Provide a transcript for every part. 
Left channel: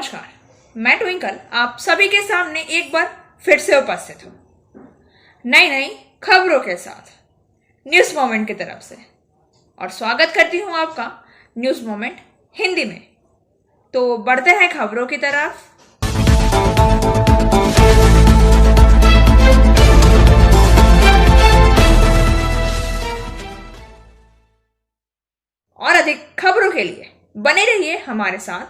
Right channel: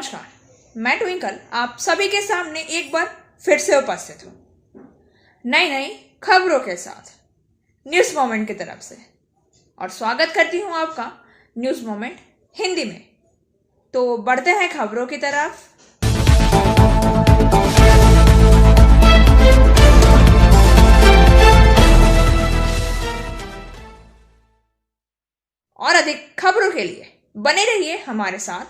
नमस्कार, मैं ट्विंकल आप सभी के सामने एक बार फिर से उपस्थित हूँ नई नई खबरों के साथ न्यूज़ मोमेंट की तरफ से। और स्वागत करती हूँ आपका न्यूज़ मोमेंट हिंदी में। तो बढ़ते हैं खबरों की तरफ। और अधिक खबरों के लिए बने रहिए हमारे साथ।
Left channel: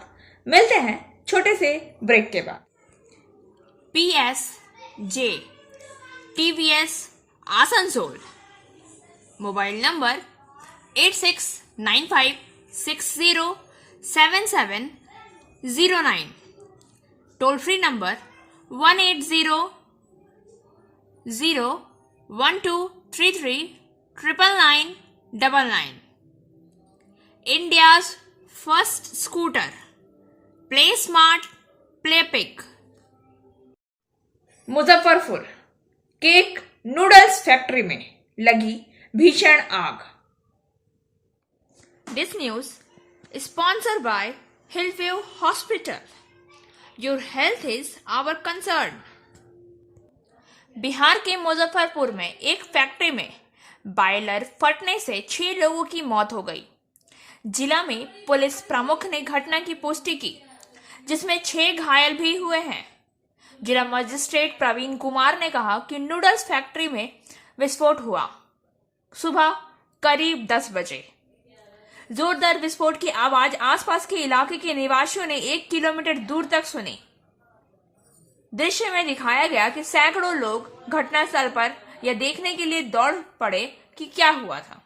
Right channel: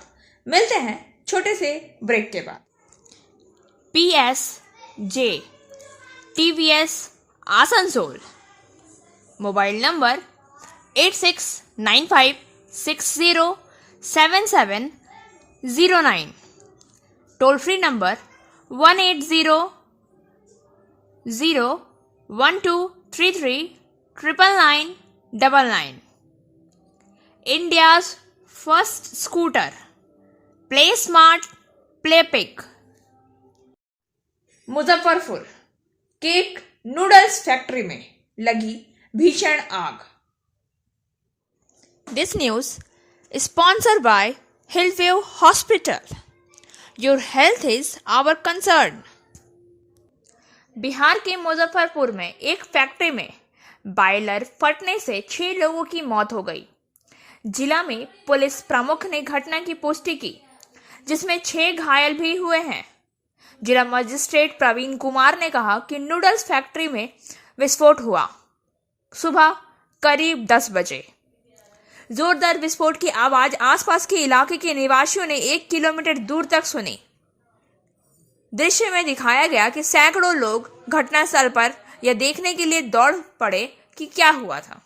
मिलते हैं छोटे से ब्रेक के बाद। PSJ TVS Asansol mobile number 8695607709, toll free number 1800123399999। India's first scooter, Play Smart, Play Pick। Muzaffarpur cake noodles factory में लगी भीषण आग। This news is sponsored by Hillview Hospital. Your health is our concern. Bihar के मुजफ्फरपुर में एक फैक्ट्री में बॉयलर फटने से 6 लोगों की मौत हो गई। जिला में पुलिस प्रमुख ने घटना की पुष्टि की, जिसमें 6 घायल भी हुए हैं। जिला मजिस्ट्रेट प्रवीण कुमार ने कहा कि नूडल्स फैक्ट्री में विस्फोट हुआ सुबह करीब 10 बजे। जोरदार विस्फोट की आवाज आसपास के इलाके के निवासियों ने 1 किलोमीटर दूर तक सुनी। दृश्य में दिखाया गया कि सैकड़ों लोग घटनास्थल पर यह देखने के लिए दौड़ पड़े कि क्या हुआ था।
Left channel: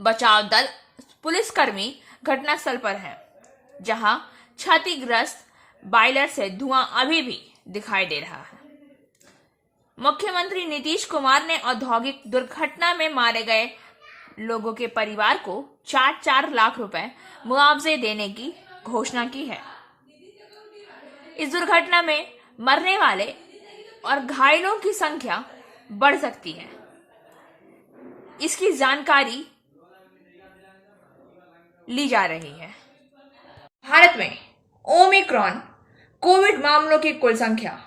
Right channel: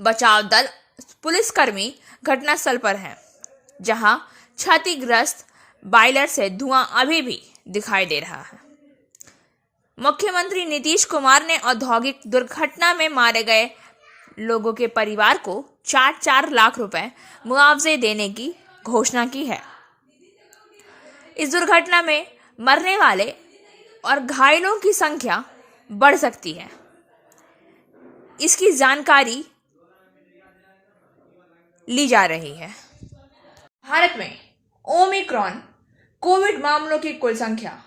बचाव दल पुलिसकर्मी घटनास्थल पर है, जहां क्षतिग्रस्त बॉयलर से धुआं अभी भी दिखाई दे रहा है। मुख्यमंत्री नीतीश कुमार ने औद्योगिक दुर्घटना में मारे गए लोगों के परिवार को 4-4 लाख रुपए मुआवजे देने की घोषणा की है। इस दुर्घटना में मरने वाले और घायलों की संख्या बढ़ सकती है। इसकी जानकारी ली जा रही है। भारत में ओमिक्रॉन कोविड मामलों की कुल संख्या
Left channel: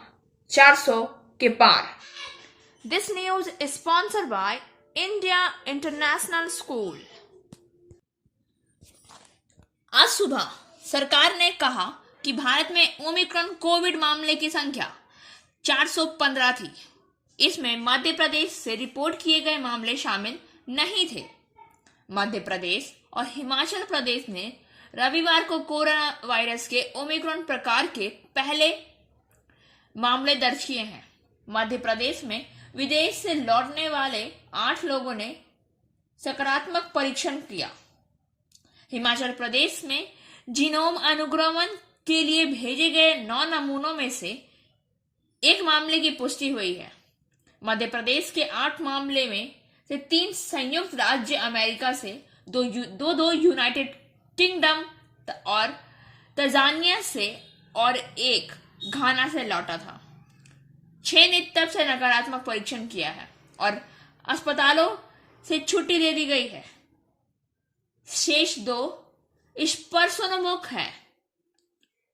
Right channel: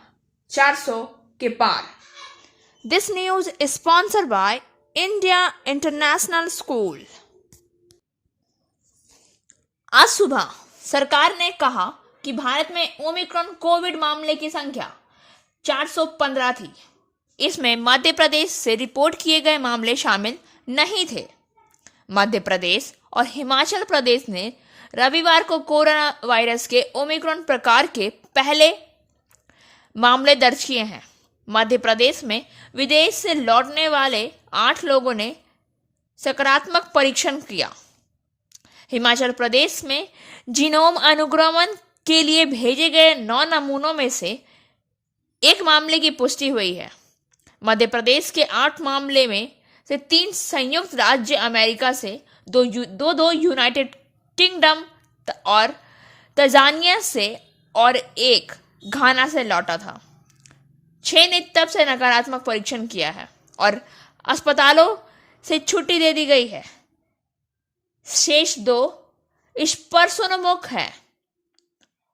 400 के पार। This news is sponsored by India International School. आज सुबह सरकार ने कहा कि भारत में ओमिक्रॉन कोविड मामले की संख्या 415 थी। इसमें मध्य प्रदेश से रिपोर्ट किए गए मामले शामिल नहीं थे। मध्य प्रदेश और हिमाचल प्रदेश ने रविवार को कोरोना वायरस के ओमिक्रॉन प्रकार के पहले मामले दर्ज किए हैं। मध्य प्रदेश में विदेश से लौटने वाले 8 लोगों ने सकारात्मक परीक्षण किया। हिमाचल प्रदेश में जीनोम अनुक्रमण के लिए भेजे गए 9 नमूनों में से 1 मामले की पुष्टि हुई है। मध्य प्रदेश के 8 मामले में से 3 संयुक्त राज्य अमेरिका से, 2 यूनाइटेड किंगडम और तंजानिया से और 1 घाना से लौटा था। 6 ने तब से नकारात्मक परीक्षण किया है और अस्पतालों से छुट्टी दे दी गई है। शेष 2 इस पर सोनमुख है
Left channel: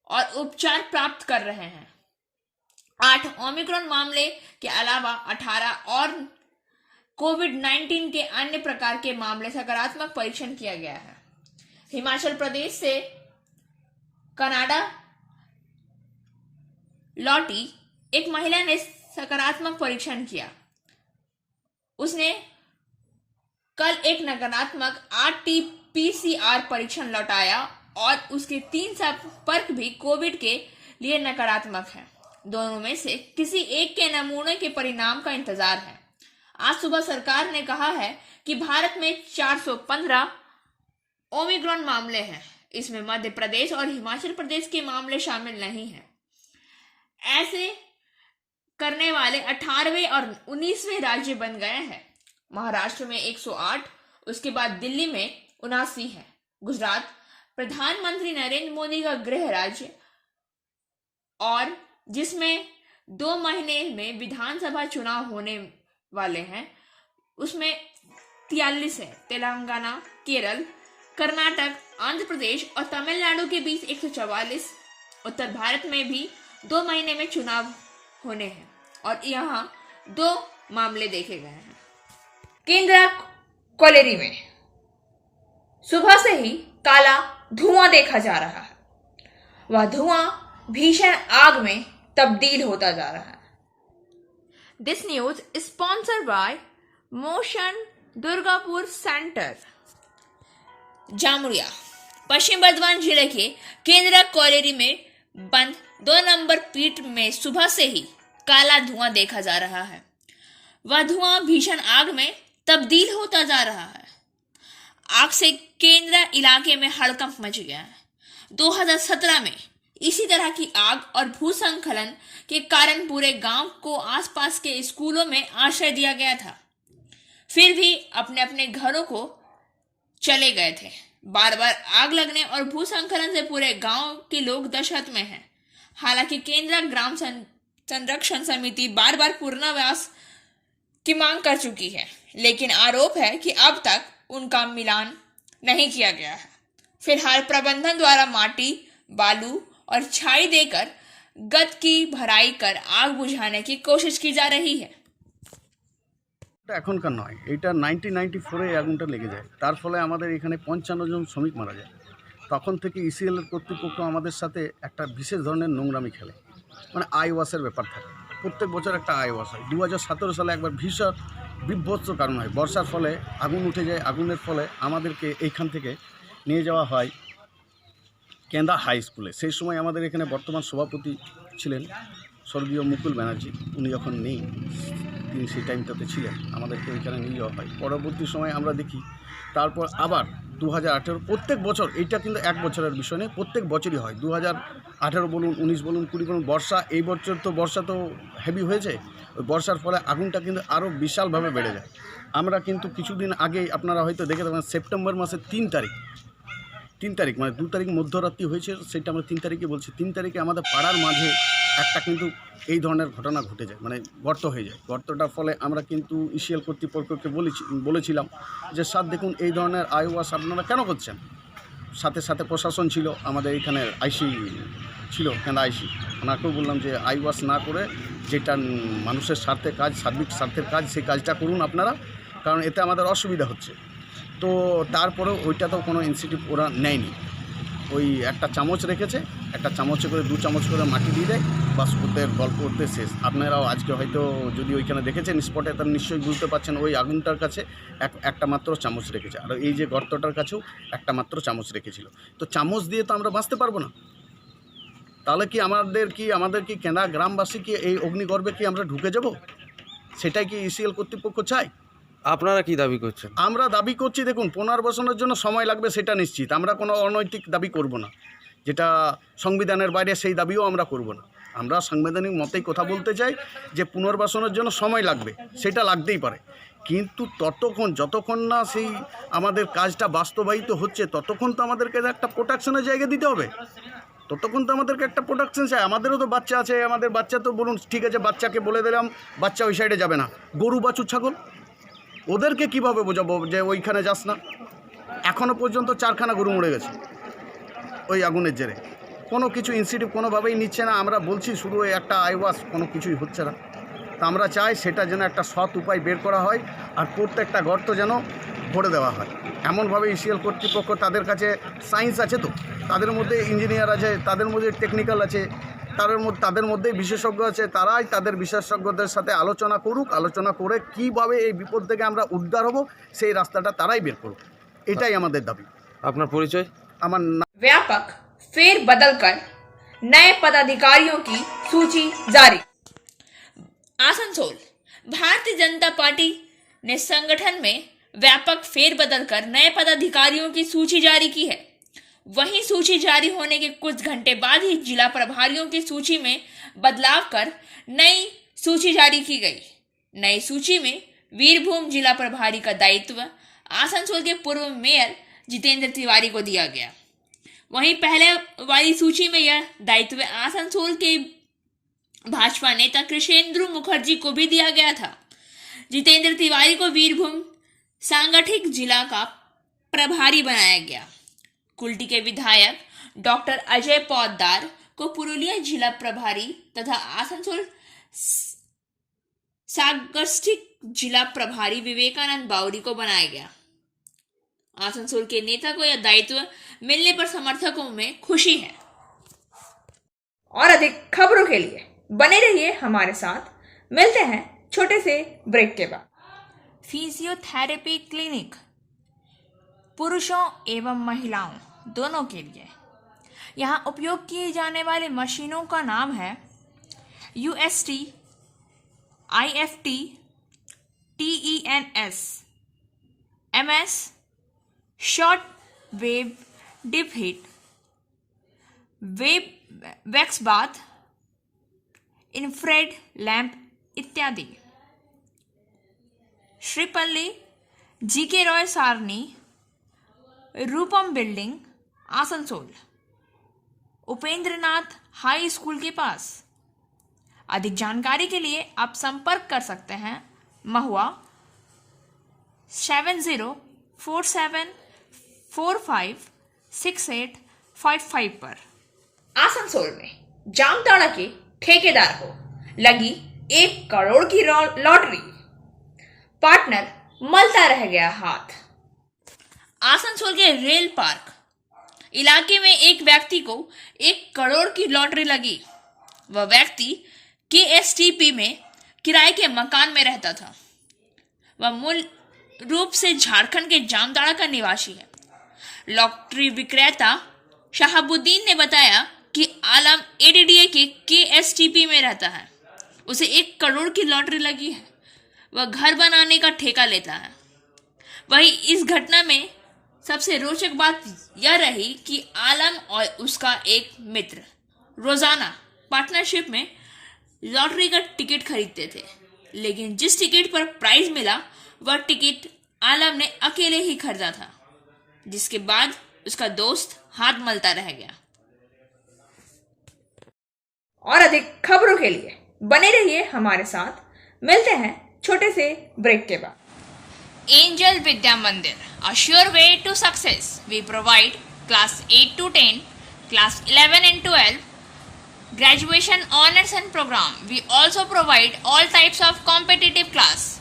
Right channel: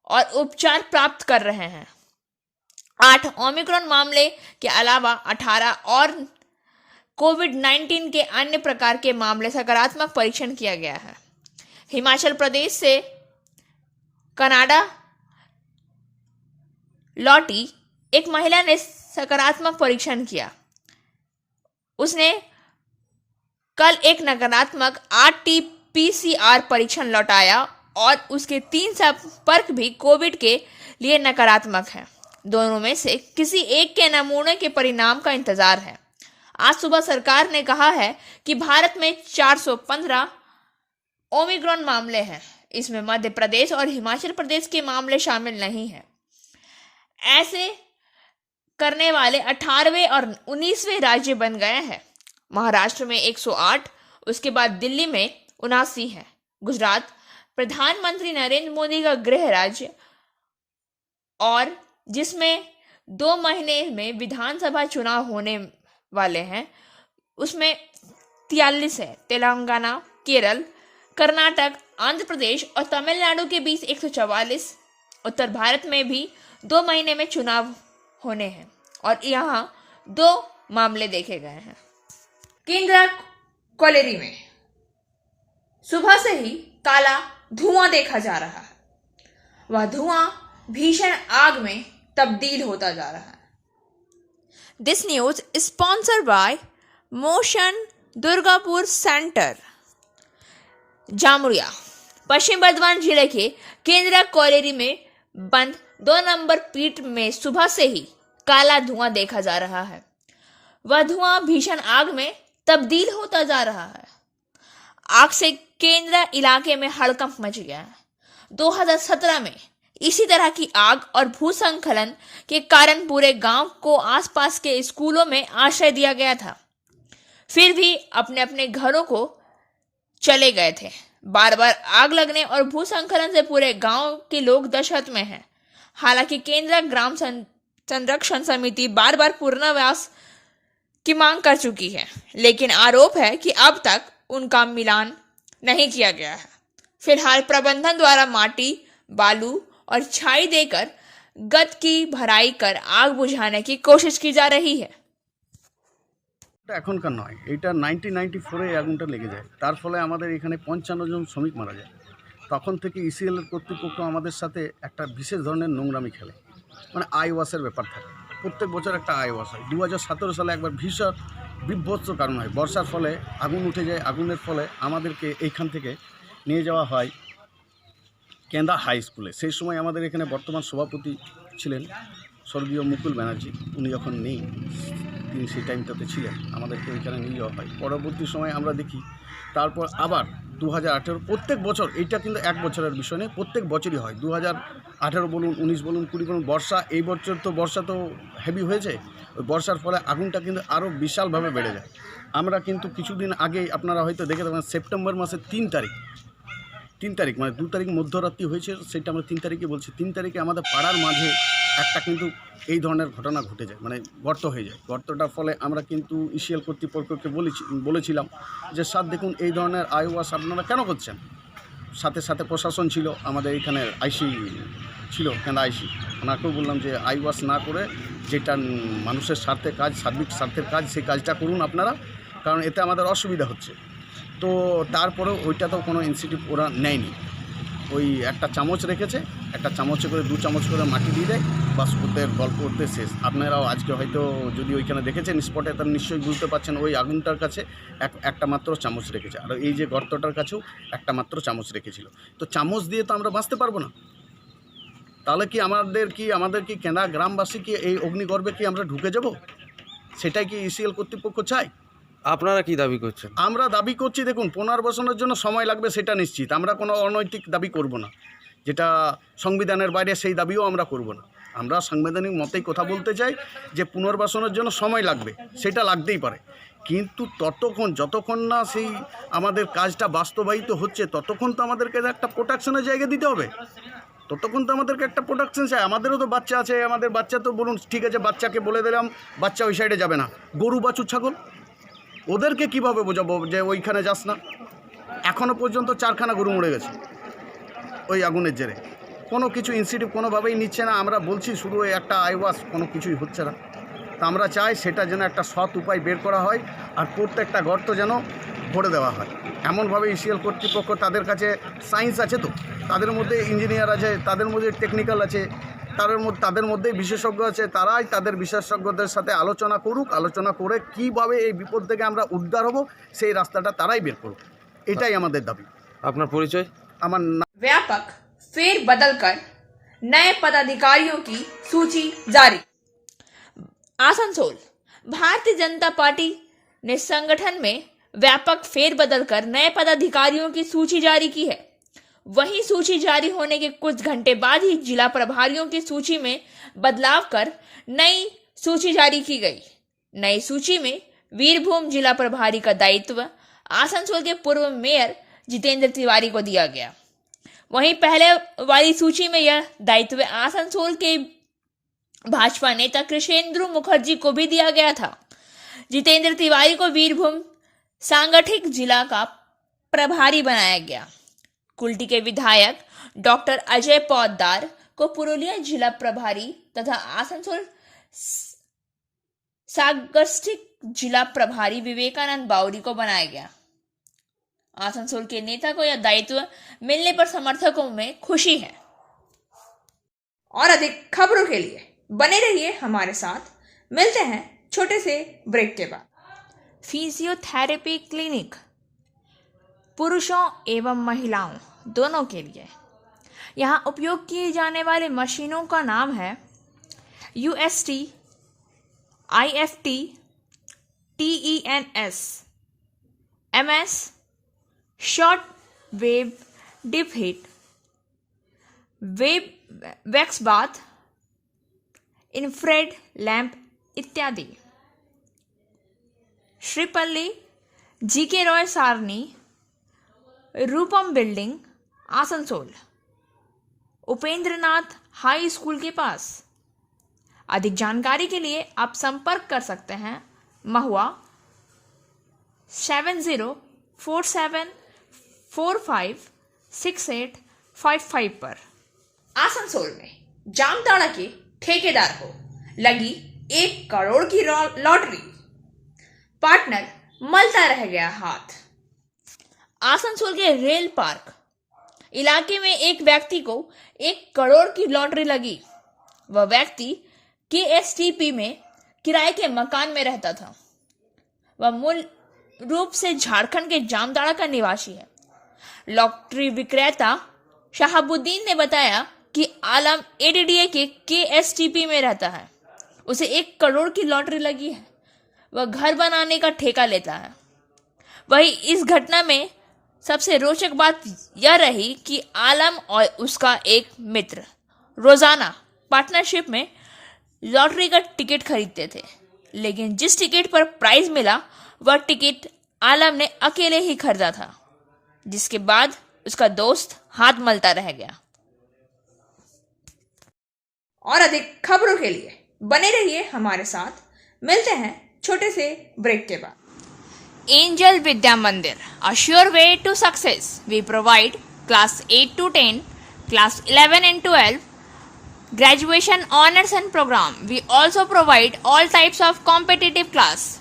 और उपचार प्राप्त कर रहे हैं। 8 ओमिक्रॉन मामले के अलावा 18 और कोविड-19 के अन्य प्रकार के मामले सकारात्मक परीक्षण किया गया है। हिमाचल प्रदेश से कनाडा लौटी एक महिला ने सकारात्मक परीक्षण किया। उसने कल एक नकारात्मक RT-PCR परीक्षण लौटाया और उसके 3 संपर्क भी कोविड के लिए नकारात्मक हैं। दोनों में से किसी एक के नमूने के परिणाम का इंतजार है। आज सुबह सरकार ने कहा है कि भारत में 415 ओमिक्रॉन मामले हैं। इसमें मध्य प्रदेश और हिमाचल प्रदेश के मामले शामिल नहीं हैं। ऐसे करने वाले 18वें और 19वें राज्य बन गए हैं। महाराष्ट्र में 108, उसके बाद दिल्ली में 79 है। गुजरात प्रधानमंत्री नरेंद्र मोदी का गृह राज्य और जिसमें 2 महीने में विधानसभा चुनाव होने वाले हैं, उसमें 43 है। तेलंगाना, केरल, कर्नाटक, आंध्र प्रदेश और तमिलनाडु के बीच 144, उत्तर भारत में भी 2 महीने में चुनाव होने हैं और यहाँ 2 मामले देखे गए हैं। केंद्रा कोलेरी में सुबह से ही काला धुआं देखा जा रहा है। वह धुआं भीषण आग में तब्दील होता जा रहा है। This news is sponsored by Motion Durgapur centre, Jamuria. Paschim Bardhaman जिले के केंद्रा कोलेरी में बंद 2 नंबर पीट में सुबह से ही काला धुआं देखा जा रहा है। वह धुआं भीषण आग में तब्दील होता जा रहा है। आग से केंद्रा इलाके में हड़कंप मच गया है। 2017 में इसी तरह की आग और भूस्खलन के कारण पूरे गांव को आसपास के स्कूलों में आश्रय दिया गया था। फिर भी अपने अपने घरों को चले गए थे। बार बार आग लगने और भूस्खलन से पूरे गांव के लोग दहशत में हैं। हालांकि केंद्रीय ग्राम संरक्षण समिति बार बार पुनर्वास की मांग कर चुकी है, लेकिन आरोप है कि अब तक उनका मिलान नहीं किया गया है। फिलहाल प्रबंधन द्वारा माटी, बालू और छाई देकर गद की भराई कर आग बुझाने की कोशिश की जा रही है। এটা এখনকার নয়, এটা 1994-এ আগুনটা লেগে যায়। তার ফলে আমাদের এখানে 55 জন শ্রমিক মারা যায়। তখন থেকে ইসিএল এর কর্তৃপক্ষ আমাদের সাথে একটা বিশেষ ধরনের নোংরামি খেলে, মানে আই ওয়াশের ব্যাপার থাকে। প্রত্যেক বছর একটা আই ওয়াশ হয়। 2017 সালে একবার ভীষণ বিভৎস কারণ হয়। বর্ষার ফলে আগুন উঠে যায়। আগুনের ফলে আমাদেরকে এইখান থেকে নিয়ে যাওয়া হয় কেন্দ্রা হাই স্কুলে। সেই সময় আমাদের এখানে বর্তমান সভাপতি ছিলেন স্বর্গীয় মুকুল ব্যানার্জি। উনি যখন নেই, তিনি সেই টাইমটাতে ছিলেন, আমাদেরকে ওইখানে নিয়ে যাওয়া হয়। পরবর্তী সময় আমরা দেখি তারপর আবার 2018 প্রত্যেক বছর, এইটা কিন্তু এক বছরের বিষয় নেই, প্রত্যেক বছরই হয়। 2018 বলুন, 19 বলুন, 20 বলুন, বর্ষা, এই বছর তো বর্ষা তো হেভি হয়েছে। ওই বর্ষার ফলে আগুনটা কিন্তু আরও বিশালভাবে বেড়ে যায়। আমরা কিন্তু কিছুদিন আগেই আপনারা হয়তো দেখে থাকবেন, সেপ্টেম্বর মাসের 3 তারিখ মানে 2 তারিখ মধ্যরাত্রি হয়েছে, সেটা আমরা 3 তারিখে বলছি। 3 তারিখে আমাদের পাড়ার মাঝে একটা কিন্তু এই ধরনের ঘটনা ঘটে যায়, মানে গর্ত হয়ে যায়। গর্তটার ফলে আমরা কিন্তু ইসিএল কর্তৃপক্ষকে বলেছিলাম যে স্যার দেখুন, এই ধরনের আই ওয়াশ আপনারা কেন করছেন। সাথে সাথে প্রশাসন ছিল, আমাদের এখানে আইসি ছিল, কেন্দ্র আইসি, ওনাকেও বললাম যে আই ওয়াশ না করে যেটা মানুষের স্বার্থে কাজ, সার্বিক স্বার্থের কাজ, সেই কাজটা করুন আপনারা, কারণ এতে আমাদের অসুবিধা হচ্ছে। তো তারপরেও ওইটাতেও কোনো ইনিশিয়েটিভ ওরা নেয়নি। ওই একটা চামচ রেখেছে, একটা চামচে করে 2 চামচ করে মাটি দিয়ে দেয়, বাস ওদের গল্প করতে শেষ। আপনারাও আজকে হয়তো যদি ওইখানে দেখেছেন স্পটে, তার নিশ্চয়ই বুঝতে পারছেন ওই আগুনটার কাছে একটা মাত্র চামচ রেখেছে, আর এই যে গর্তটার কাছেও একটা মাত্র চামচ রেখেছিল। তো চামচ দিয়ে তো আমরা বাঁচতে পারবো না। তাহলে কি আমাদের কি কেনা গ্রামবাসী কি এই অগ্নিগর্ভে কি আমরা ঢুকে যাব? সেটাই কি ইসিএল কর্তৃপক্ষ চায়? আপনারা কি দাবি করছেন? আমরা দাবি করছি, দেখুন, পুনর্বাসনের জন্য সময় লাগবে, সেটা নিশ্চিত। আমরা কোনো অনৈতিক দাবি করব না, যেটা সংবিধানের বাইরে, সেই দাবিও আমরা করব না। আমরা সাংবিধানিক মতেই কথা বলতে চাই যে পুনর্বাসনের জন্য সময় লাগবে, সেটা লাগতেই পারে, কিন্তু যতক্ষণ না সেই আমাদের কাজটা বাস্তবায়িত হচ্ছে, ততক্ষণ তো আমাদেরকে একটা প্রোটেকশনের জায়গা দিতে হবে। ততক্ষণ তো আমাদেরকে একটা প্রোটেকশন চাই। আমাদেরও তো বাচ্চা আছে, আমাদের বাচ্চা তো বলুন ঠিক আছে, বাচ্চাকে বলে দিলাম বাচ্চা ওই সাইডে যাবে না, গরু বাছুর ছাগল, ওদেরকে কিভাবে বোঝাবো যে ওইখানে যাস না? এখনও পর্যন্ত 4খানা গরু মরে গেছে ওই আগুনের জেরে। কোনো কিছু ইনিশিয়েটিভ কোনোভাবেই নিচ্ছে না। আমরা বলছি শুধু ওই একটা আই ওয়াশ, কোনো কিছুই হচ্ছে না। তা আমরা চাই সেটা যেন একটা সৎ উপায় বের করা হয়, আর প্রত্যেকটা গর্ত যেন ভরে দেওয়া হয় এমনভাবে। ইসিএল কর্তৃপক্ষ, তাদের কাছে সায়েন্স আছে, তো তাদের মধ্যে ইঞ্জিনিয়ার আছে, তাদের মধ্যে টেকনিক্যাল আছে, তাদের মধ্যে বিশেষজ্ঞ আছে, তারাই তাদের বিশেষজ্ঞদের সাথে আলোচনা করুক। আলোচনা করে কিভাবে এই বিপদ থেকে আমরা উদ্ধার হব, সেই রাস্তাটা তারাই বের করুক, এটাই আমাদের দাবি। আপনার পরিচয়? আমার व्यापक फेरबदल कर नए पदाधिकारियों की सूची जारी। आसनसोल भारतीय जनता पार्टी ने संगठन में व्यापक फेरबदल कर नए पदाधिकारियों की सूची जारी की है। वहीं सूची जारी होने के कुछ घंटे बाद ही जिला प्रभारियों की सूची में बदलाव कर नई सूची जारी की गई। नई सूची में वीरभूम जिला प्रभारी का दायित्व आसनसोल के पूर्व मेयर जितेंद्र तिवारी को दिया गया। वहीं पहले वाली सूची में यह दायित्व आसनसोल के भाजपा नेता कृष्णेंद्र मुखर्जी को भी दिया गया था। जितेंद्र तिवारी को वीरभूम सांगठनिक जिला का प्रभारी बनाया गया। कुल्टी के विधायक डॉक्टर अजय पौद्दार को पुरुलिया जिला प्रभारी तथा आसनसोल सांगठनिक जिला प्रभारी विवेकानंद बाउरी को बनाया गया। आसनसोल के नेता को यह दायित्व मिलने पर समर्थकों में खुशी है। और अधिक खबरों के लिए बने रहिए हमारे साथ। मिलते हैं छोटे से ब्रेक के बाद। फिजियोथेरेपी क्लिनिक पुरुषों एवं महिलाओं दोनों के लिए। यहाँ उपयोग किए जाने वाली मशीनों का नाम है UST, IFT, TENS, MS, short wave deep heat, web wax bath, infrared lamp इत्यादि। Shripalli, GK Roy Sarani, Rupam building, Asansol, Upendranath high school के पास। अधिक जानकारी के लिए आप संपर्क कर सकते हैं महुआ 7047456855 पर। आसनसोल में जामताड़ा के ठेकेदार को लगी 1 करोड़ की लॉटरी। पार्टनर मलता रह गया हाथ। आसनसोल के रेल पार्क इलाके में एक व्यक्ति को 1 करोड़ की लॉटरी लगी। वह व्यक्ति KSTP में किराए के मकान में रहता था। वह मूल रूप से झारखंड के जामताड़ा का निवासी है। लॉटरी विक्रेता शहाबुद्दीन ने बताया कि आलम ADDA के KSTP में रहता है। उसे 1 करोड़ की लॉटरी लगी है। वह घर बनाने का ठेका लेता है। वही इस घटना में सबसे रोचक बात यह रही कि आलम और उसका एक मित्र रोजाना पार्टनरशिप में लॉटरी का टिकट खरीदते थे, लेकिन जिस टिकट पर प्राइज मिला वह टिकट आलम ने अकेले ही खरीदा था, जिसके बाद उसका दोस्त हाथ मलता रह गया। और अधिक खबरों के लिए बने रहिए हमारे साथ। मिलते हैं छोटे से ब्रेक के बाद। Angel Vidya Mandir, a sure way to success. We provide class 8 to 10, class 11 and 12, graduation honors and program. We also provide all types of competitive class.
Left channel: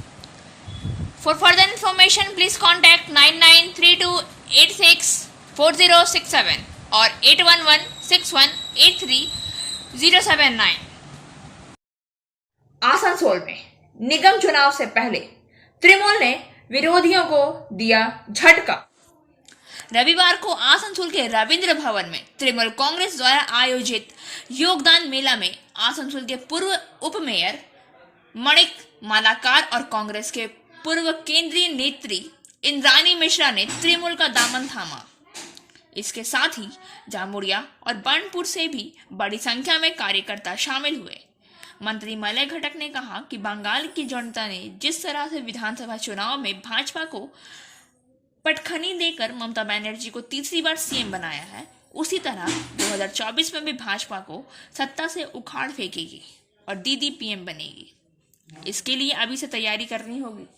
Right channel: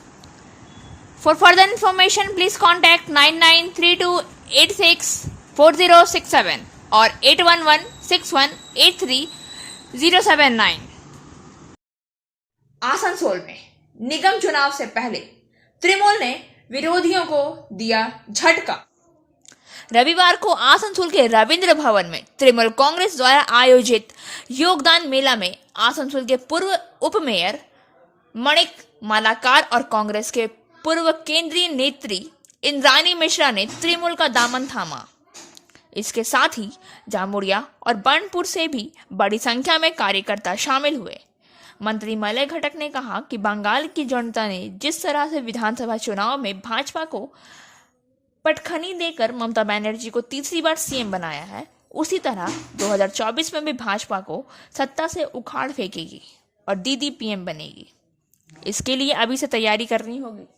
For further information, please contact 9932864067 or 8116183079. Asansol में निगम चुनाव से पहले तृणमूल ने विरोधियों को दिया झटका। रविवार को आसनसोल के रविंद्र भवन में तृणमूल कांग्रेस द्वारा आयोजित योगदान मेला में आसनसोल के पूर्व उप मेयर मणिक मालाकार और कांग्रेस के पूर्व केंद्रीय नेत्री इंद्रानी मिश्रा ने तृणमूल का दामन थामा। इसके साथ ही जामुड़िया और बर्नपुर से भी बड़ी संख्या में कार्यकर्ता शामिल हुए। मंत्री मलय घटक ने कहा कि बंगाल की जनता ने जिस तरह से विधानसभा चुनाव में भाजपा को पटखनी देकर ममता बनर्जी को तीसरी बार सीएम बनाया है, उसी तरह 2024 में भी भाजपा को सत्ता से उखाड़ फेंकेगी और दीदी पीएम बनेगी। इसके लिए अभी से तैयारी करनी होगी।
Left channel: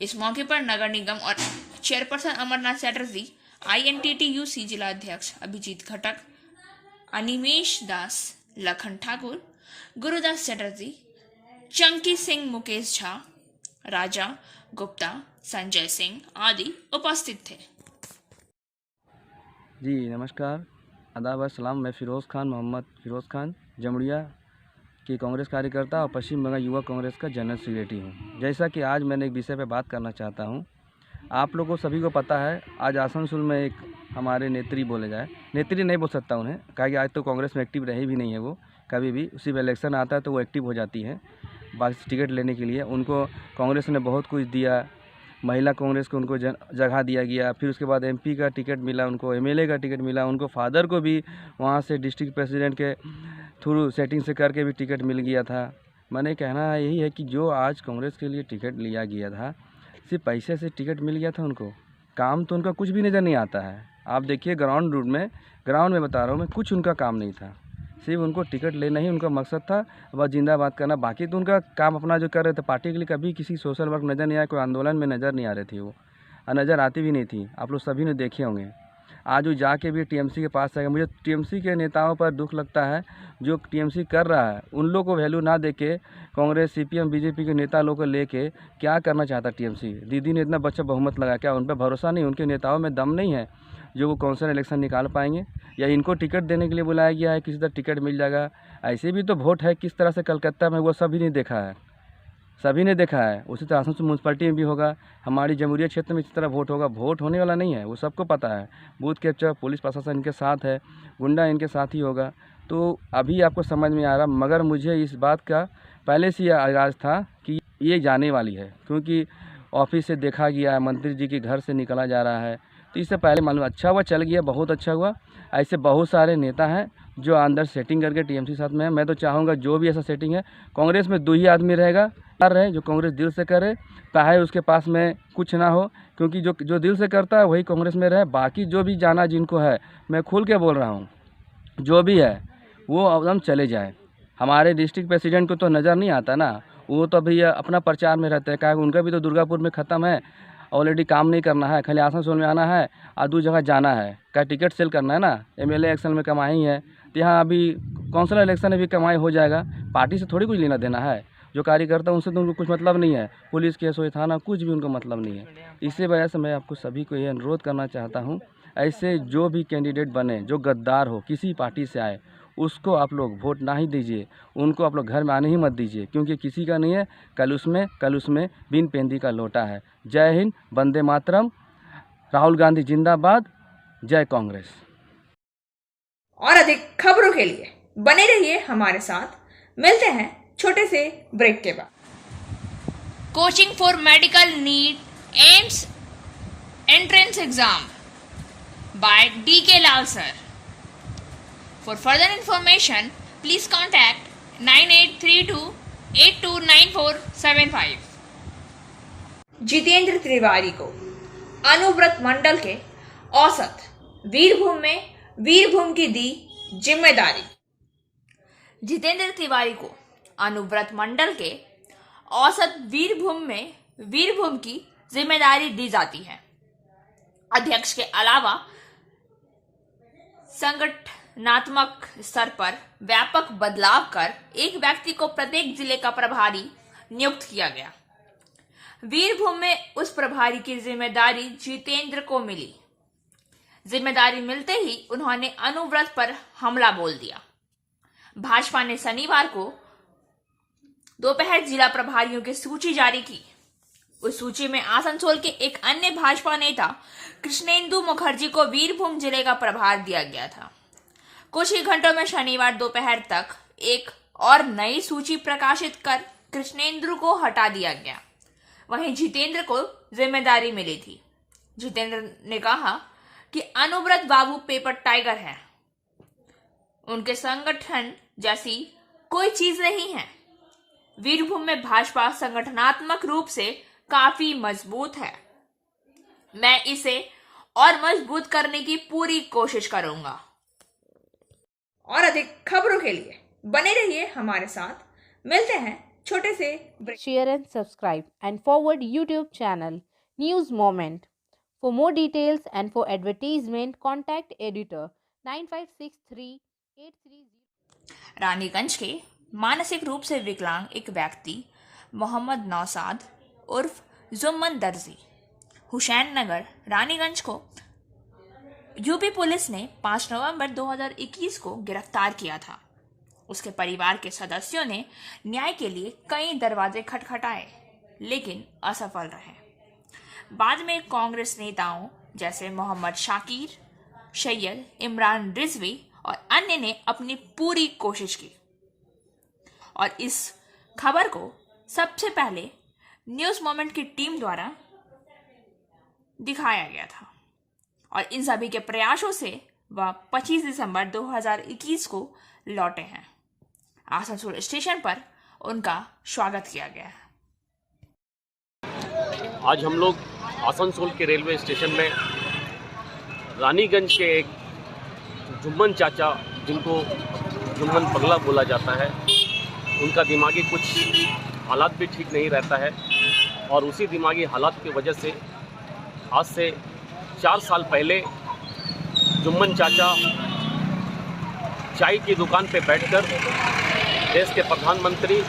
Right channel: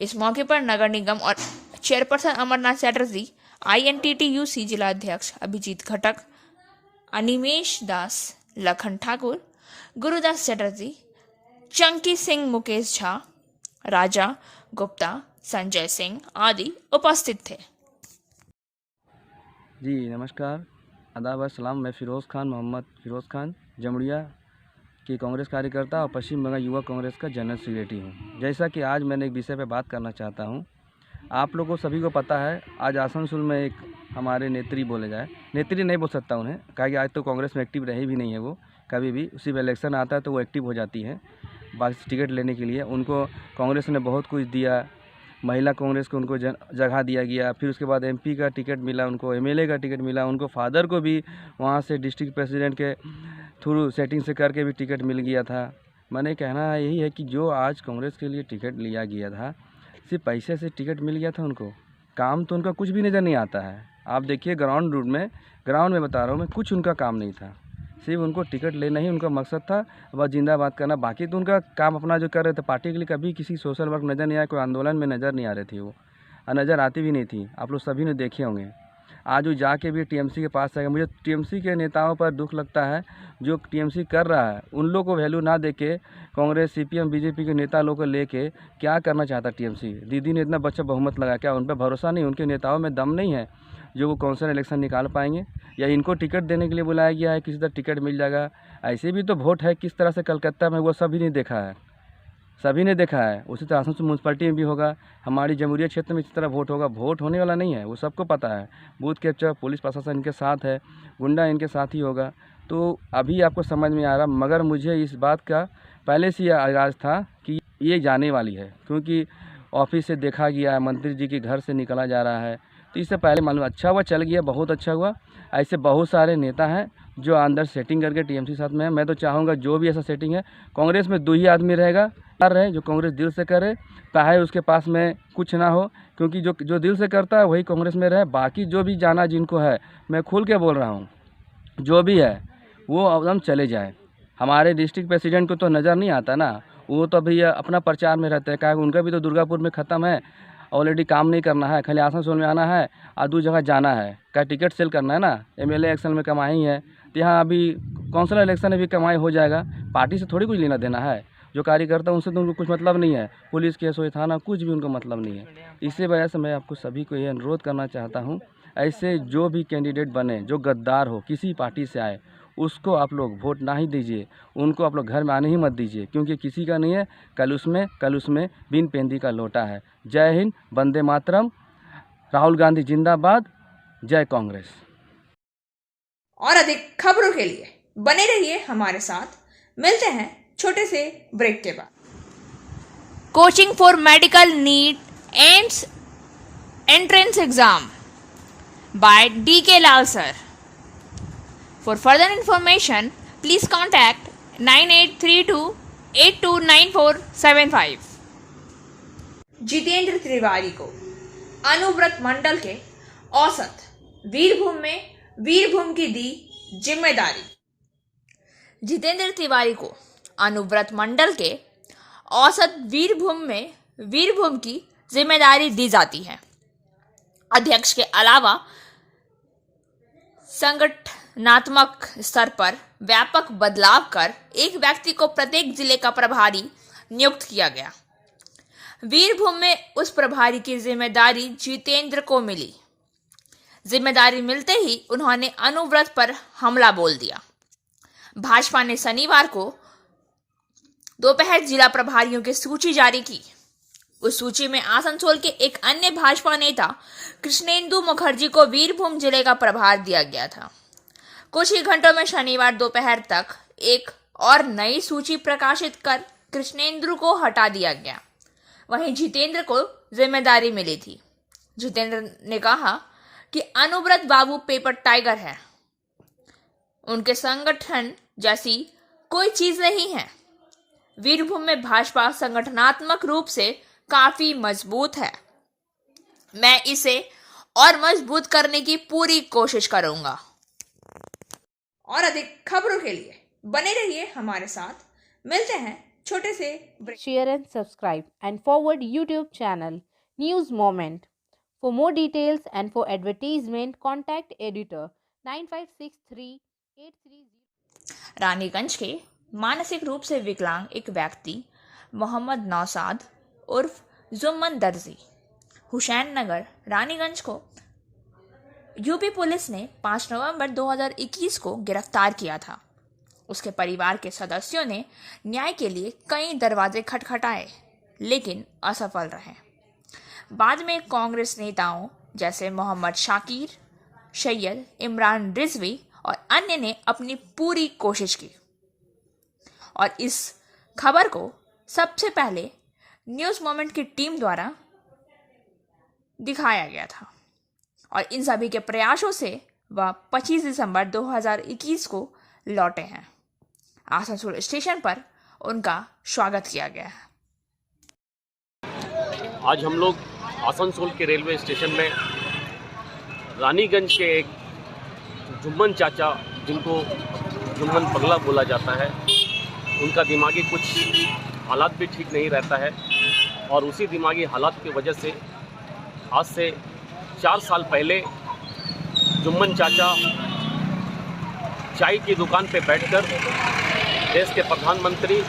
इस मौके पर नगर निगम और चेयरपर्सन अमरनाथ चटर्जी, INTTUC जिलाध्यक्ष अभिजीत घटक, अनिमेश दास, लखन ठाकुर, गुरुदास चटर्जी, चंकी सिंह, मुकेश झा, राजा गुप्ता, संजय सिंह आदि उपस्थित थे। जी नमस्कार, आदाब सलाम। मैं फ़िरोज़ खान, मोहम्मद फ़िरोज़ खान, जमुड़िया की कांग्रेस कार्यकर्ता और पश्चिम बंगाल युवा कांग्रेस का जनरल सेक्रेटरी हूँ। जैसा कि आज मैंने एक विषय पर बात करना चाहता हूँ। आप लोगों को सभी को पता है, आज आसनसोल में एक हमारे नेत्री बोले जाए, नेत्री नहीं बोल सकता उन्हें, कहा कि आज तो कांग्रेस में एक्टिव रही भी नहीं है वो कभी भी। उसी में इलेक्शन आता है तो वो एक्टिव हो जाती है बस टिकट लेने के लिए। उनको कांग्रेस ने बहुत कुछ दिया, महिला कांग्रेस को उनको जगह दिया गया। फिर उसके बाद MP का टिकट मिला, उनको MLA का टिकट मिला, उनको फादर को भी वहाँ से डिस्ट्रिक्ट प्रेसिडेंट के थ्रू सेटिंग से करके भी टिकट मिल गया था। मैंने कहना यही है कि जो आज कांग्रेस के लिए टिकट लिया गया था, सिर्फ पैसे से टिकट मिल गया था उनको, काम तो उनका कुछ भी नज़र नहीं आता है। आप देखिए ग्राउंड में बता रहा हूँ मैं, कुछ उनका काम नहीं था, सिर्फ उनको टिकट लेना ही उनका मकसद था, बस जिंदाबाद करना। बाकी तो उनका काम अपना जो कर रहे थे पार्टी के लिए, कभी किसी सोशल वर्क नज़र नहीं आया, कोई आंदोलन में नज़र नहीं आ रही थी वो, और नज़र आती भी नहीं थी। आप लोग सभी ने देखे होंगे। आज वो जाके भी टीएमसी के पास आएगा। मुझे टीएमसी के नेताओं पर दुख लगता है, जो टीएमसी कर रहा है उन लोगों को वैल्यू ना देके कांग्रेस, सीपीएम, बीजेपी के नेता लोगों को लेके क्या करना चाहता टीएमसी। दीदी ने इतना बच्चा बहुमत लगा, क्या उन पर भरोसा नहीं, उनके नेताओं में दम नहीं है जो वो काउंसिल इलेक्शन निकाल पाएंगे, या इनको टिकट देने के लिए बुलाया गया है, किसी तरह टिकट मिल जाएगा। ऐसे भी तो वोट है किस तरह से कलकत्ता में, वो सभी ने देखा है, सभी ने देखा है। उसी तरह आसनसोल म्यूनसिपैलिटी में भी होगा, हमारी जमुरिया क्षेत्र में इस तरह वोट होगा। वोट होने वाला नहीं है, वो सबको पता है। बूथ कैप्चर, पुलिस प्रशासन इनके साथ है, गुंडा इनके साथ ही होगा। तो अभी आपको समझ में आ रहा, मगर मुझे इस बात का पहले से आगाज़ था कि ये जाने वाली है, क्योंकि ऑफिस से देखा गया है, मंत्री जी के घर से निकला जा रहा है, तो इससे पहले मालूम। अच्छा हुआ चल गया, बहुत अच्छा हुआ। ऐसे बहुत सारे नेता हैं जो अंदर सेटिंग करके टीएमसी साथ में है। मैं तो चाहूँगा जो भी ऐसा सेटिंग है, कांग्रेस में 2 ही आदमी रहेगा, रहे जो कांग्रेस दिल से करे, चाहे उसके पास में कुछ ना हो, क्योंकि जो दिल से करता है वही कांग्रेस में रहे। बाकी जो भी जाना जिनको है, मैं खुल के बोल रहा हूँ, जो भी है वो एकदम चले जाए। हमारे डिस्ट्रिक्ट प्रेसिडेंट को तो नज़र नहीं आता ना, वो तो अभी अपना प्रचार में रहते हैं। क्या उनका भी तो दुर्गापुर में ख़त्म है, ऑलरेडी काम नहीं करना है, खाली आसनसोल में आना है और 2 जगह जाना है, क्या टिकट सेल करना है ना। एमएलए इलेक्शन में कमाई है, तो यहाँ अभी काउंसिलर इलेक्शन में भी कमाई हो जाएगा। पार्टी से थोड़ी कुछ लेना देना है, जो कार्यकर्ता उनसे तो उनको कुछ मतलब नहीं है। पुलिस केस हो, थाना, कुछ भी उनको मतलब नहीं है। इसी वजह से मैं आपको सभी को ये अनुरोध करना चाहता हूँ, ऐसे जो भी कैंडिडेट बने, जो गद्दार हो, किसी पार्टी से आए, उसको आप लोग वोट ना ही दीजिए, उनको आप लोग घर में आने ही मत दीजिए, क्योंकि किसी का नहीं है, कल उसमें बिन पेंदी का लोटा है। जय हिंद, वंदे मातरम, राहुल गांधी जिंदाबाद, जय कांग्रेस। और अधिक खबरों के लिए बने रहिए हमारे साथ। मिलते हैं छोटे से ब्रेक के बाद। Coaching for medical NEET and entrance exam by DK Lal sir. For further information, please contact 9832829475. Jitendra Tiwari को अनुव्रत मंडल के औसत वीरभूम में वीरभूम की दी जिम्मेदारी। जितेंद्र तिवारी को अनुव्रत मंडल के औसत वीरभूम में वीरभूम की जिम्मेदारी दी जाती है। अध्यक्ष के अलावा संगठनात्मक स्तर पर व्यापक बदलाव कर एक व्यक्ति को प्रत्येक जिले का प्रभारी नियुक्त किया गया। वीरभूम में उस प्रभारी की जिम्मेदारी जितेंद्र को मिली। जिम्मेदारी मिलते ही उन्होंने अनुव्रत पर हमला बोल दिया। भाजपा ने शनिवार को दोपहर जिला प्रभारियों की सूची जारी की। उस सूची में आसनसोल के एक अन्य भाजपा नेता कृष्णेंदु मुखर्जी को वीरभूम जिले का प्रभार दिया गया था। कुछ ही घंटों में शनिवार दोपहर तक एक और नई सूची प्रकाशित कर कृष्णेंदु को हटा दिया गया। वहीं जितेंद्र को जिम्मेदारी मिली थी। जितेंद्र ने कहा कि अनुव्रत बाबू पेपर टाइगर है, उनके संगठन जैसी कोई चीज नहीं है। वीरभूम में भाजपा संगठनात्मक रूप से काफी मजबूत है। मैं इसे और मजबूत करने की पूरी कोशिश करूंगा। और अधिक खबरों के लिए बने रहिए हमारे साथ। मिलते हैं छोटे से break. Share and subscribe and forward YouTube channel News Moment. For more details and for advertisement, contact editor 956383. Raniganj के मानसिक रूप से विकलांग एक व्यक्ति मोहम्मद नौसाद उर्फ जुम्मन दर्जी हुसैन नगर रानीगंज को यूपी पुलिस ने 5 नवंबर 2021 को गिरफ्तार किया था। उसके परिवार के सदस्यों ने न्याय के लिए कई दरवाजे खटखटाए, लेकिन असफल रहे। बाद में कांग्रेस नेताओं जैसे मोहम्मद शाकिर, सैयद इमरान रिजवी और अन्य ने अपनी पूरी कोशिश की और इस खबर को सबसे पहले न्यूज़ मोमेंट की टीम द्वारा दिखाया गया था और इन सभी के प्रयासों से वह 25 दिसंबर 2021 को लौटे हैं। आसनसोल स्टेशन पर उनका स्वागत किया गया है। आज हम लोग आसनसोल के रेलवे स्टेशन में रानीगंज के एक जुम्मन चाचा, जिनको जुम्मन पगला बोला जाता है, उनका दिमागी कुछ हालात भी ठीक नहीं रहता है और उसी दिमागी हालात की वजह से आज से 4 साल पहले जुम्मन चाचा चाय की दुकान पे बैठकर देश के प्रधानमंत्री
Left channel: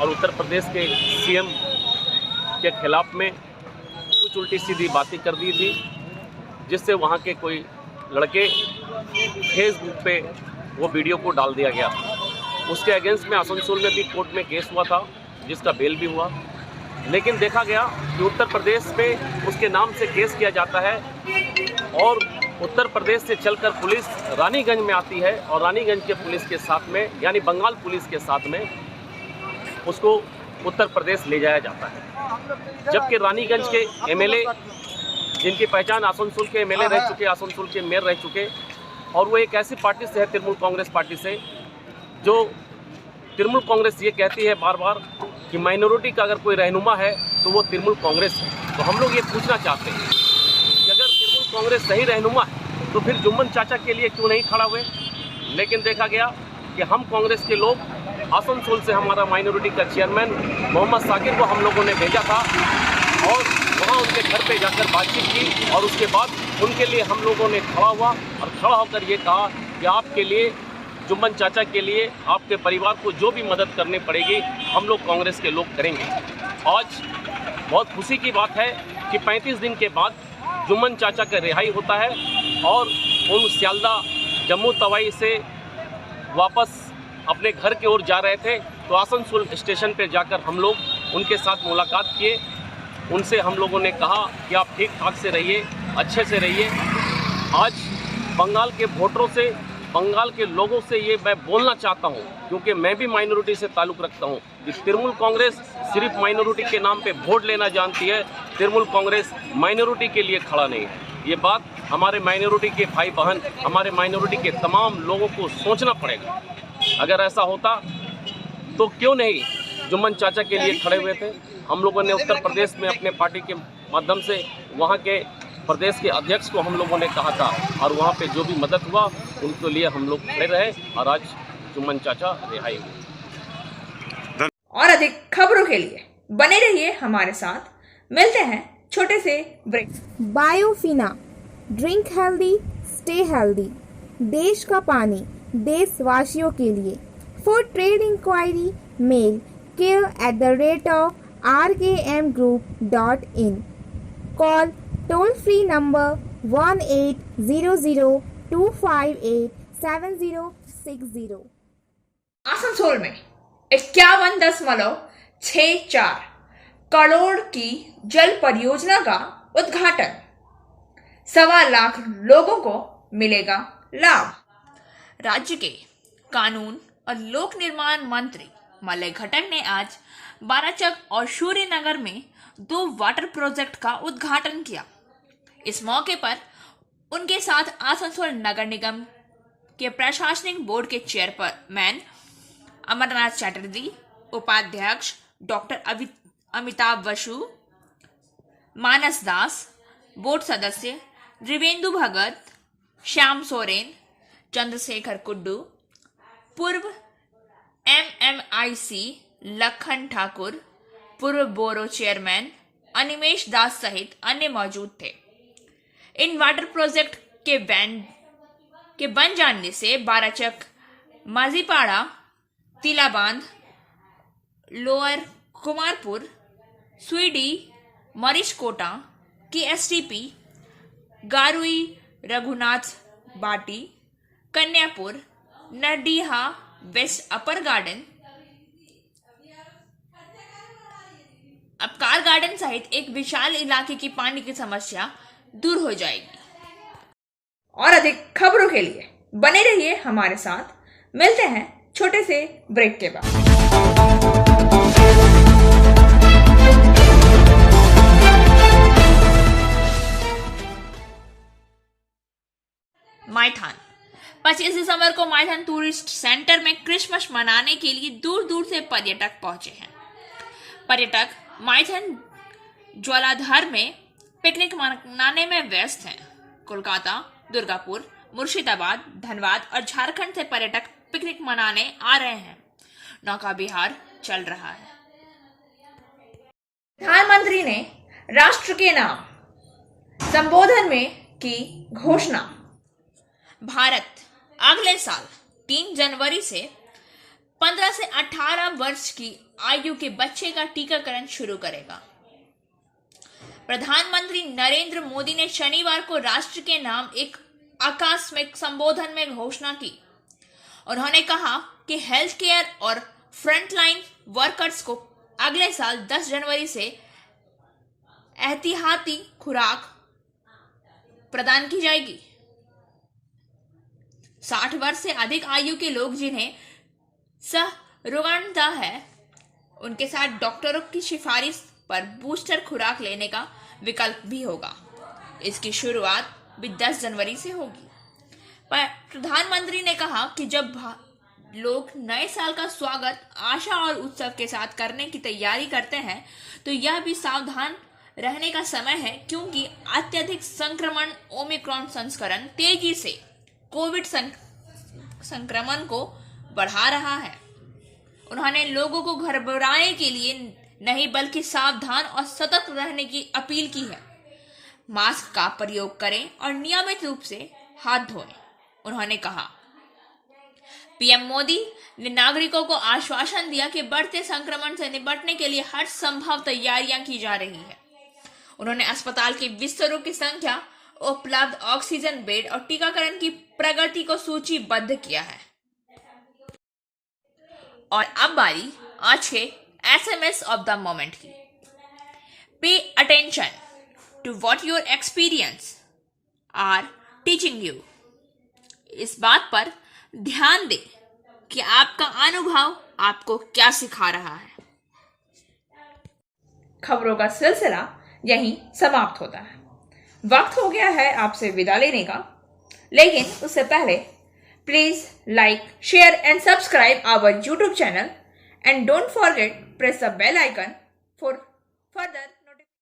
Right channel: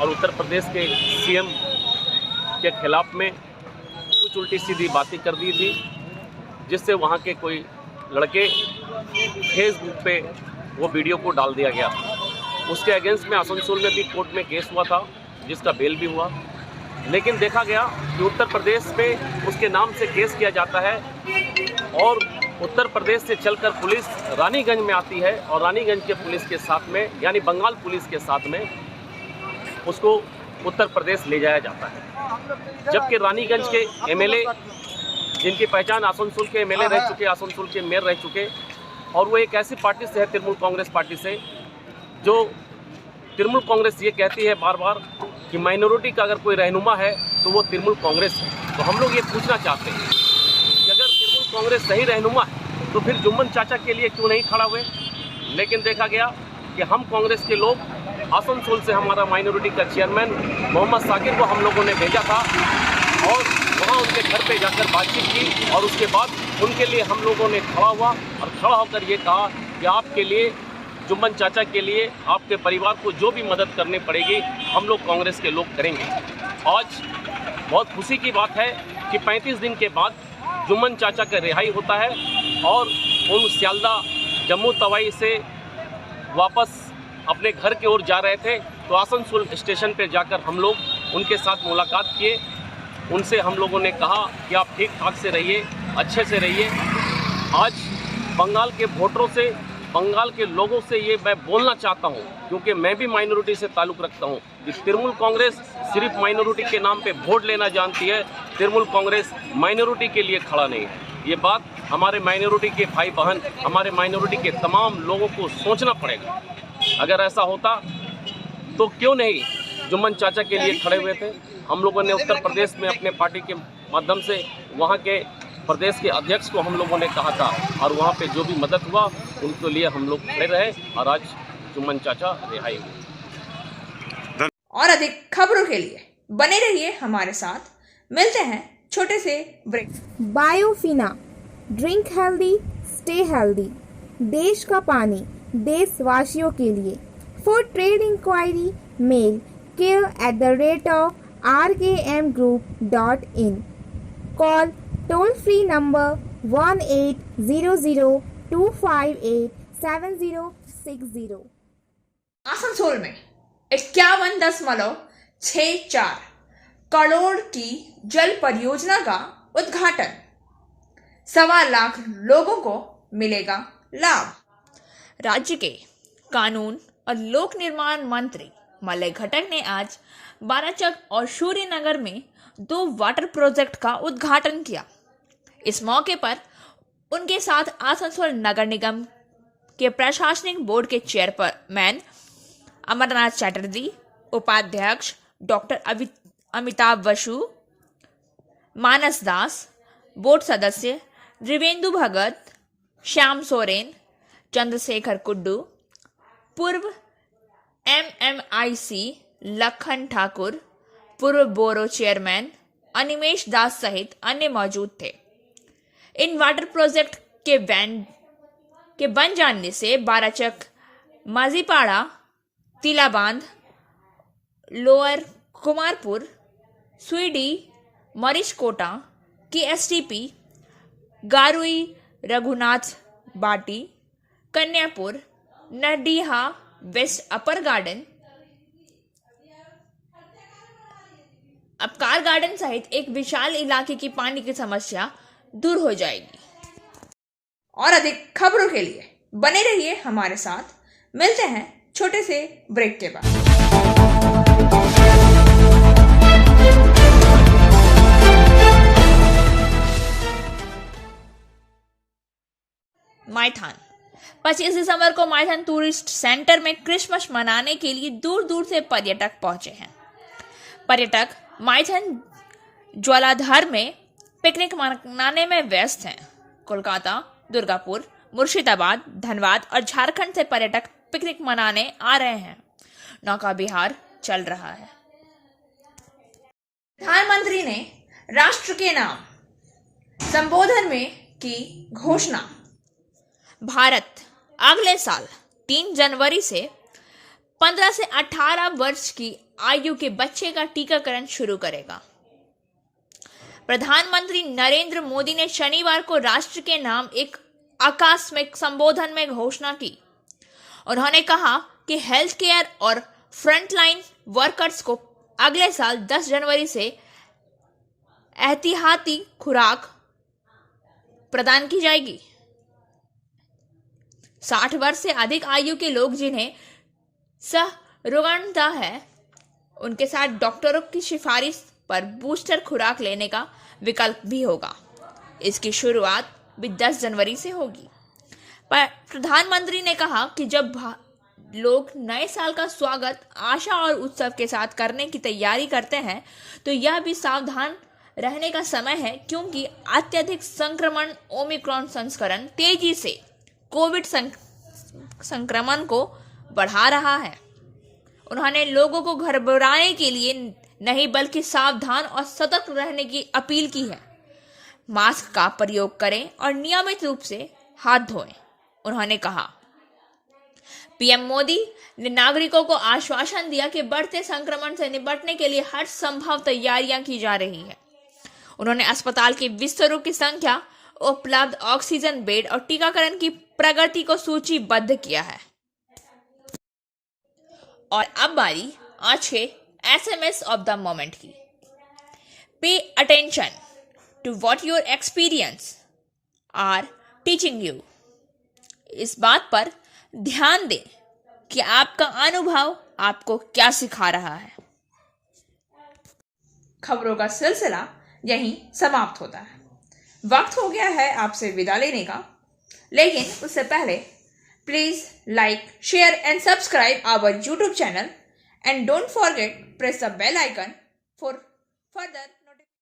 और उत्तर प्रदेश के सीएम के खिलाफ में कुछ उल्टी सीधी बातें कर दी थी, जिससे वहाँ के कोई लड़के फेसबुक पे वो वीडियो को डाल दिया गया। उसके अगेंस्ट में आसनसोल में भी कोर्ट में केस हुआ था, जिसका बेल भी हुआ। लेकिन देखा गया कि उत्तर प्रदेश में उसके नाम से केस किया जाता है और उत्तर प्रदेश से चलकर पुलिस रानीगंज में आती है और रानीगंज के पुलिस के साथ में, यानी बंगाल पुलिस के साथ में, उसको उत्तर प्रदेश ले जाया जाता है। जबकि रानीगंज के एमएलए, जिनकी पहचान आसनसोल के एमएलए रह चुके, आसनसोल के मेयर रह चुके, और वो एक ऐसी पार्टी से है, तृणमूल कांग्रेस पार्टी से, जो तृणमूल कांग्रेस ये कहती है बार बार कि माइनॉरिटी का अगर कोई रहनुमा है तो वो तृणमूल कांग्रेस है। तो हम लोग ये पूछना चाहते हैं कि अगर तृणमूल कांग्रेस सही रहनुमा है तो फिर जुम्मन चाचा के लिए क्यों नहीं खड़ा हुए। लेकिन देखा गया कि हम कांग्रेस के लोग, आसनसोल से हमारा माइनॉरिटी का चेयरमैन मोहम्मद साकिर को हम लोगों ने भेजा था और वहाँ उनके घर पे जाकर बातचीत की और उसके बाद उनके लिए हम लोगों ने खड़ा हुआ और खड़ा होकर ये कहा कि आपके लिए, जुम्मन चाचा के लिए, आपके परिवार को जो भी मदद करनी पड़ेगी हम लोग कांग्रेस के लोग करेंगे। आज बहुत खुशी की बात है कि 35 दिन के बाद जुम्मन चाचा का रिहाई होता है और उन सियालदा जम्मू तवाई से वापस अपने घर की ओर जा रहे थे। तो आसनसोल स्टेशन पर जाकर हम लोग उनके साथ मुलाकात किए। उनसे हम लोगों ने कहा कि आप ठीक ठाक से रहिए, अच्छे से रहिए। आज बंगाल के वोटरों से, बंगाल के लोगों से ये मैं बोलना चाहता हूँ, क्योंकि मैं भी माइनॉरिटी से ताल्लुक़ रखता हूँ, कि तृणमूल कांग्रेस सिर्फ माइनॉरिटी के नाम पे वोट लेना जानती है। तृणमूल कांग्रेस माइनॉरिटी के लिए खड़ा नहीं है। ये बात हमारे माइनॉरिटी के भाई बहन, हमारे माइनॉरिटी के तमाम लोगों को सोचना पड़ेगा। अगर ऐसा होता तो क्यों नहीं जुम्मन चाचा के लिए खड़े हुए थे। हम लोगों ने उत्तर प्रदेश में अपने पार्टी के माध्यम से वहाँ के प्रदेश के अध्यक्ष को हम लोगों ने कहा था और वहाँ पे जो भी मदद हुआ उनके लिए हम लोग खड़े रहे और आज जुम्मन चाचा रिहाई हुए। और अधिक खबरों के लिए बने रहिए हमारे साथ। मिलते हैं छोटे से break. Biofina, drink healthy, stay healthy. देश का पानी देशवासियों के लिए। For trade inquiry mail care@rkmgroup.in। Call toll free number 1800-258-7060। Asansol में 51.64 करोड़ की जल परियोजना का उद्घाटन। 1.25 लाख लोगों को मिलेगा लाभ। राज्य के कानून और लोक निर्माण मंत्री मलय घटक ने आज बाराचक और सूर्यनगर में 2 वाटर प्रोजेक्ट का उद्घाटन किया। इस मौके पर उनके साथ आसनसोल नगर निगम के प्रशासनिक बोर्ड के चेयरमैन अमरनाथ चटर्जी, उपाध्यक्ष डॉक्टर अमिताभ बसु, मानस दास, बोर्ड सदस्य त्रिवेंदु भगत, श्याम सोरेन, चंद्रशेखर कुड्डू, पूर्व MMIC लखन ठाकुर, पूर्व बोरो चेयरमैन अनिमेश दास सहित अन्य मौजूद थे। इन वाटर प्रोजेक्ट के बन जाने से बाराचक, माजीपाड़ा, तिलाबांध, लोअर कुमारपुर, सुईडी, मरीचकोटा की STP, गारुई, रघुनाथ बाटी, कन्यापुर, नरडीहा वेस्ट अपर गार्डन, अपकार गार्डन सहित एक विशाल इलाके की पानी की समस्या दूर हो जाएगी। और अधिक खबरों के लिए बने रहिए हमारे साथ। मिलते हैं छोटे से ब्रेक के बाद। माइथन 25 दिसंबर को माइथन टूरिस्ट सेंटर में क्रिसमस मनाने के लिए दूर दूर से पर्यटक पहुंचे हैं। पर्यटक माइथन ज्वालाधर में पिकनिक मनाने में व्यस्त हैं। कोलकाता, दुर्गापुर, मुर्शिदाबाद, धनबाद और झारखंड से पर्यटक पिकनिक मनाने आ रहे हैं। नौका विहार चल रहा है। प्रधानमंत्री ने राष्ट्र के नाम संबोधन में की घोषणा। भारत अगले साल 3 जनवरी से 15 से 18 वर्ष की आयु के बच्चे का टीकाकरण शुरू करेगा। प्रधानमंत्री नरेंद्र मोदी ने शनिवार को राष्ट्र के नाम एक आकस्मिक संबोधन में घोषणा की। उन्होंने कहा कि हेल्थ केयर और फ्रंटलाइन वर्कर्स को अगले साल 10 जनवरी से एहतियाती खुराक प्रदान की जाएगी। 60 वर्ष से अधिक आयु के लोग जिन्हें संरुग्णता है, उनके साथ डॉक्टरों की सिफारिश पर बूस्टर खुराक लेने का विकल्प भी होगा। इसकी शुरुआत भी 10 जनवरी से होगी। पर प्रधानमंत्री ने कहा कि जब लोग नए साल का स्वागत आशा और उत्सव के साथ करने की तैयारी करते हैं, तो यह भी सावधान रहने का समय है, क्योंकि अत्यधिक संक्रमण ओमिक्रॉन संस्करण तेजी से कोविड संक्रमण को बढ़ा रहा है। उन्होंने लोगों को घबराने के लिए नहीं बल्कि सावधान और सतर्क रहने की अपील की है। मास्क का प्रयोग करें और नियमित रूप से हाथ धोएं, उन्होंने कहा। पीएम मोदी ने नागरिकों को आश्वासन दिया कि बढ़ते संक्रमण से निपटने के लिए हर संभव तैयारियां की जा रही है। उन्होंने अस्पताल के बिस्तरों की संख्या, उपलब्ध ऑक्सीजन बेड और टीकाकरण की प्रगति को सूचीबद्ध किया है। और अब बारी आज के SMS ऑफ द मोमेंट की। Pay attention to what your experience are teaching you. इस बात पर ध्यान दें कि आपका अनुभव आपको क्या सिखा रहा है। खबरों का सिलसिला यहीं समाप्त होता है। वक्त हो गया है आपसे विदा लेने का, लेकिन उससे पहले please like, share and subscribe our YouTube channel and don't forget press the bell icon for further